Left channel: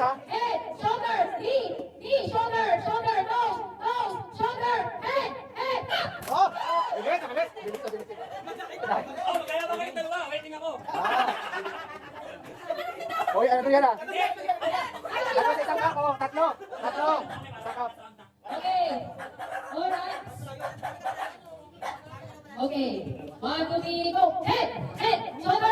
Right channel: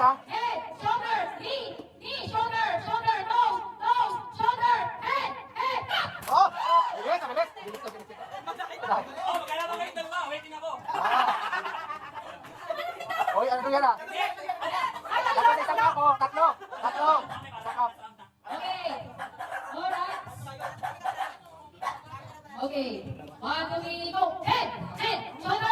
ha? Head, shoulder, knee, shoulder, shoulder, nose, shoulder, head, up! Oh! Bilis, bilis. Bilis, bilis. Oh, kaya ba kayo dalawa? Waiting ako. Hoy, ano to yan ah? Tapos isang cup, oh. Tatlo. Tatlo. Isang cup. Okay. Alright. Okay. 1, 2, 3, go. Head, shoulder,